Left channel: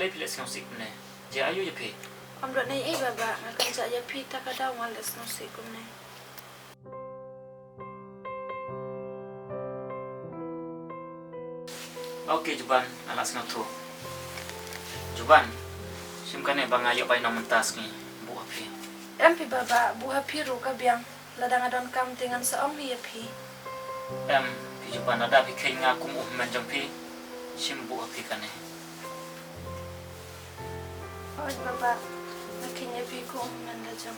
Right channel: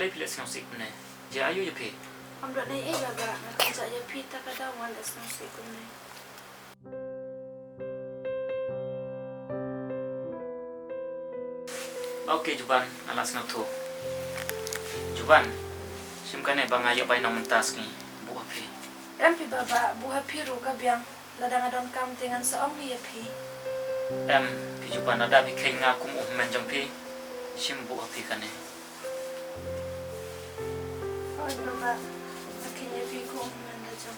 malay pila sa sik na. Di ayo ya pi. Amro na baba, nakansa ya pita ka daw malas ng sikom na. Okay, Juban, alas nga to. Juban, simkane bangayo pa nang mentas ni buah pi. Empi baba, buha piru ka biyang. Ladang adon kam tingan sa ong hiya pi. Pi Juban ada pi kay nga kum menjang pi. Sim buah pi kane. Oy baba, nakinya pi ko menda jang.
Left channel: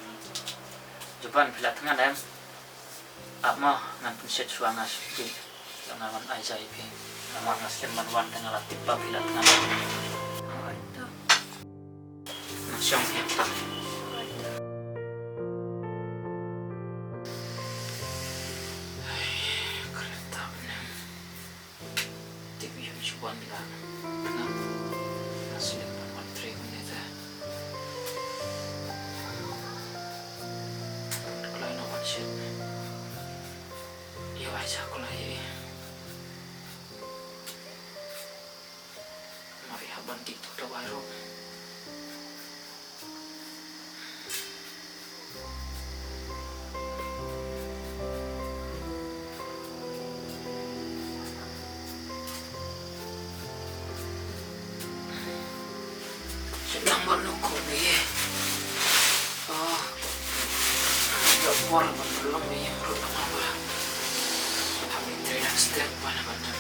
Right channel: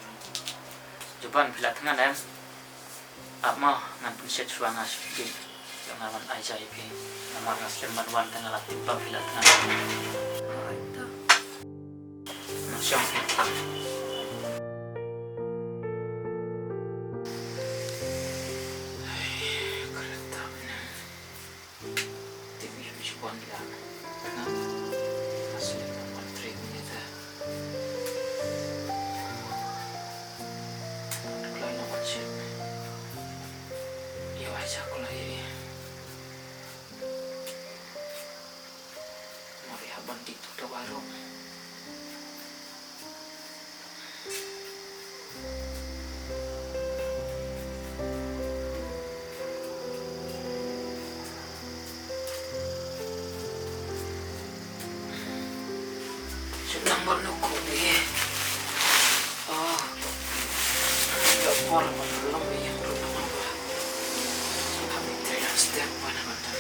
Juban pila tangan Apa ngan pun set suanga sikit. Yang ngawan ai jai pi. Nama ngasken banwan tengah latip pa pila tangan. Oy to. Nasyong kita. Kereta ni. Tibi yang Juban bila. Nah. Naslim banwan 3 minit. Kalau no one shit. Yo aja aku lagi. Mari haban dito daw araw. Sedang bernukubi. Agak por belum yang belum apa. Habis trailer step mana-mana.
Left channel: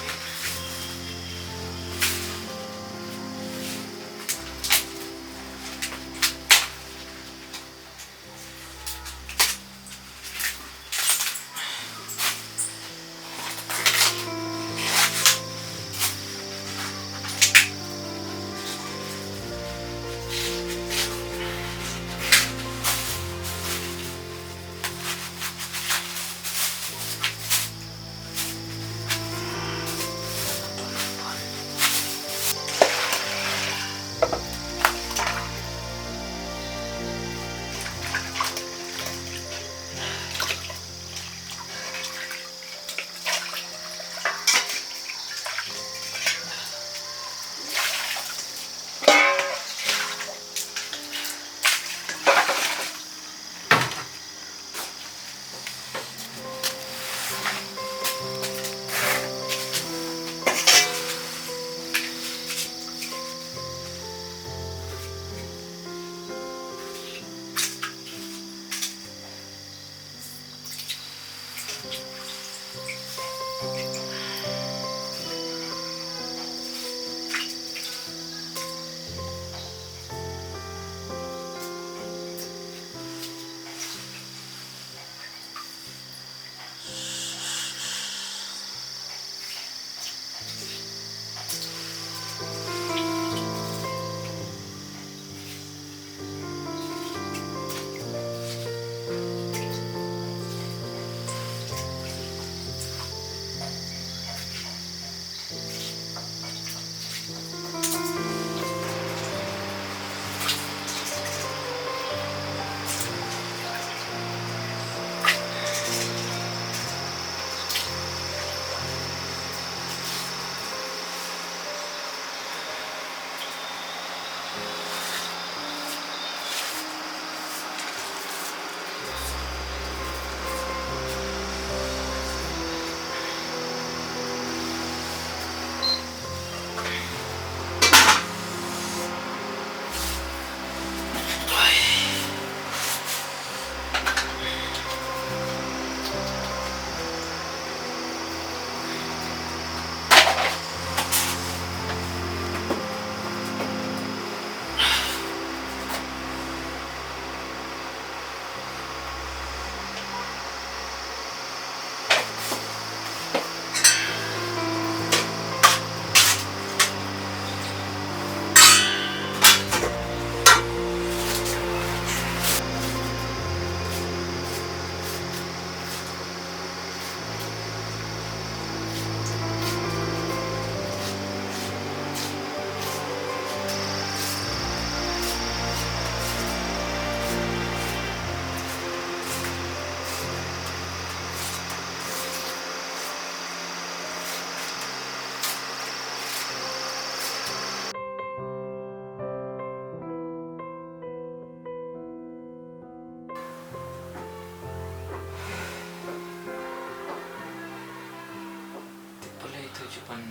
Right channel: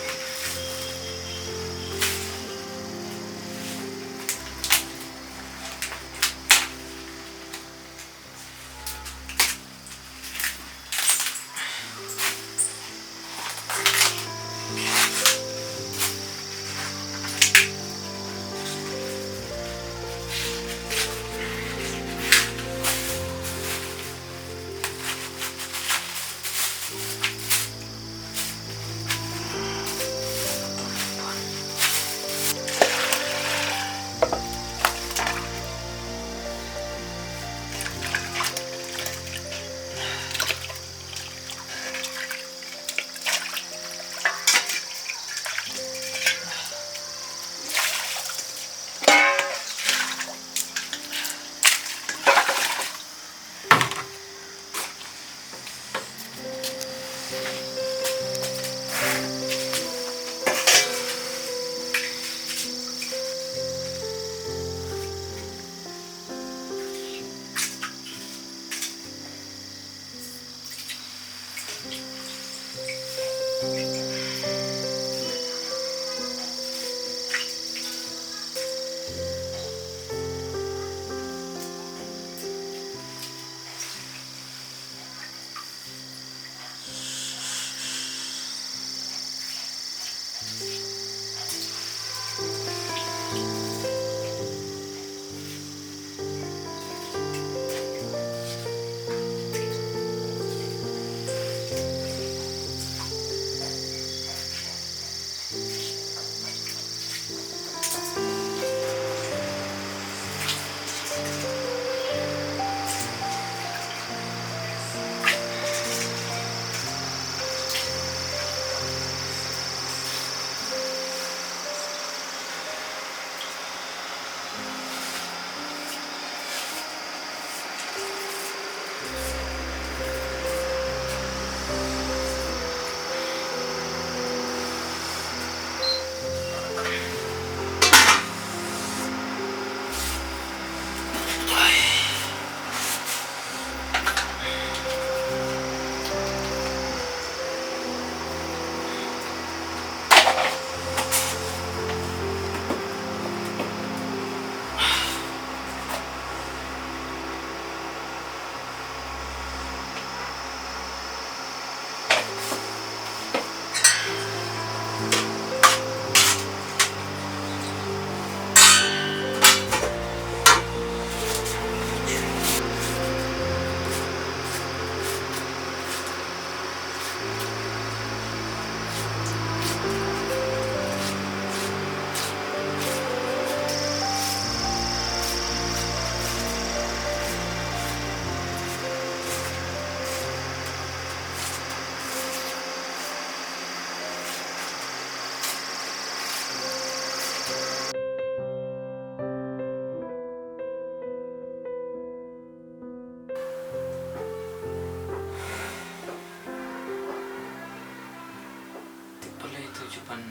Tujuan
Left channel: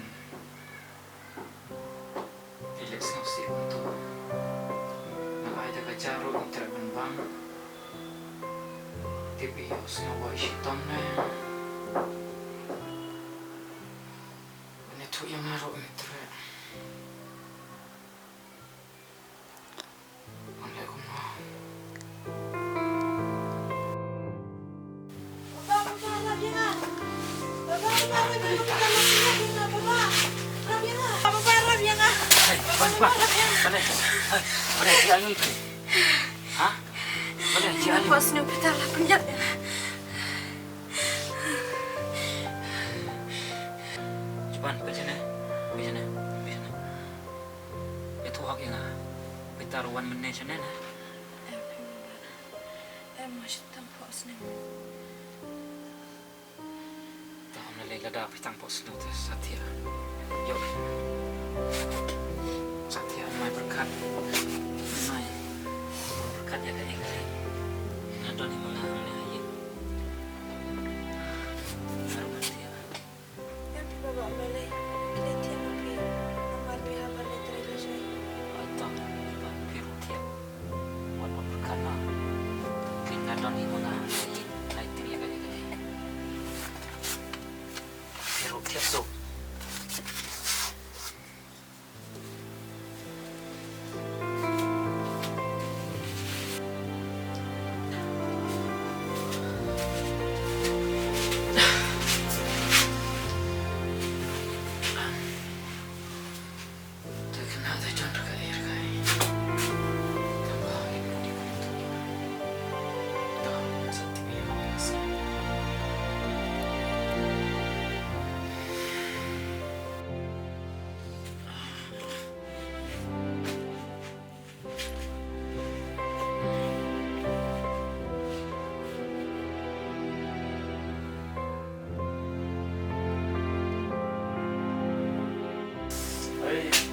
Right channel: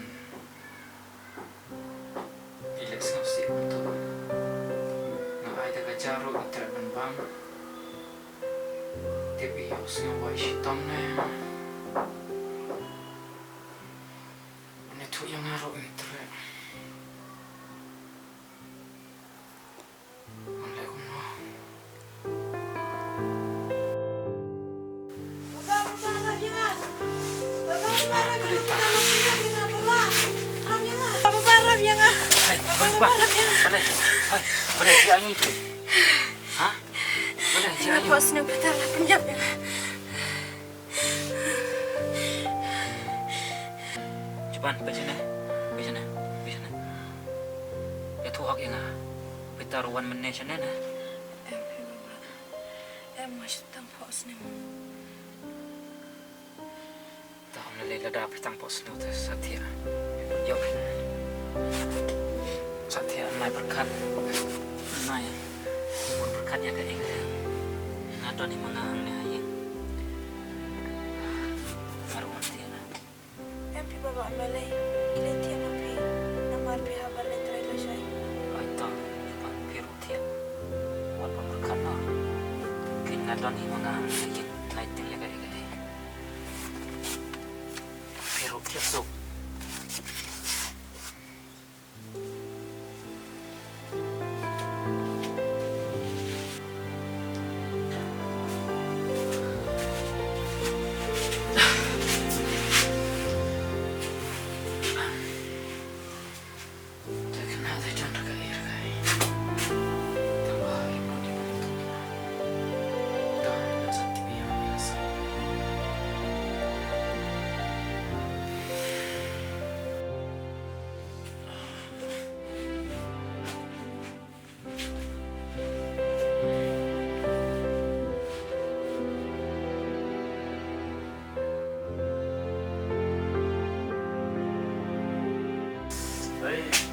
Relax ngasih untuk Nggak ada kacaro Untuk bang Tibios ngawai shiton na Ito yung ngaro intro Ang lego mo Boleh, dia ayun itu. Hah? Boleh, dia ayun. Puas ni betul lah penjat ya. Cuban, pergi sana. Itu hak yang pitaruan menej sana. Masih tampos ni. Tak boleh lada pitang pos nu Satya. Yuk. Satya mai berkat. Mai. Berkat ya ke engkau. Nado ni mengang ni ayat. Harum hati. Yang pi baba malay. Kelitian api. Namar pi habar ni terlalu saya. Atau biru tiap. Wan berkat na. Kin nado ni mengang ni ayat. Naiting ya ke engkau. Biru tiap so. Hey.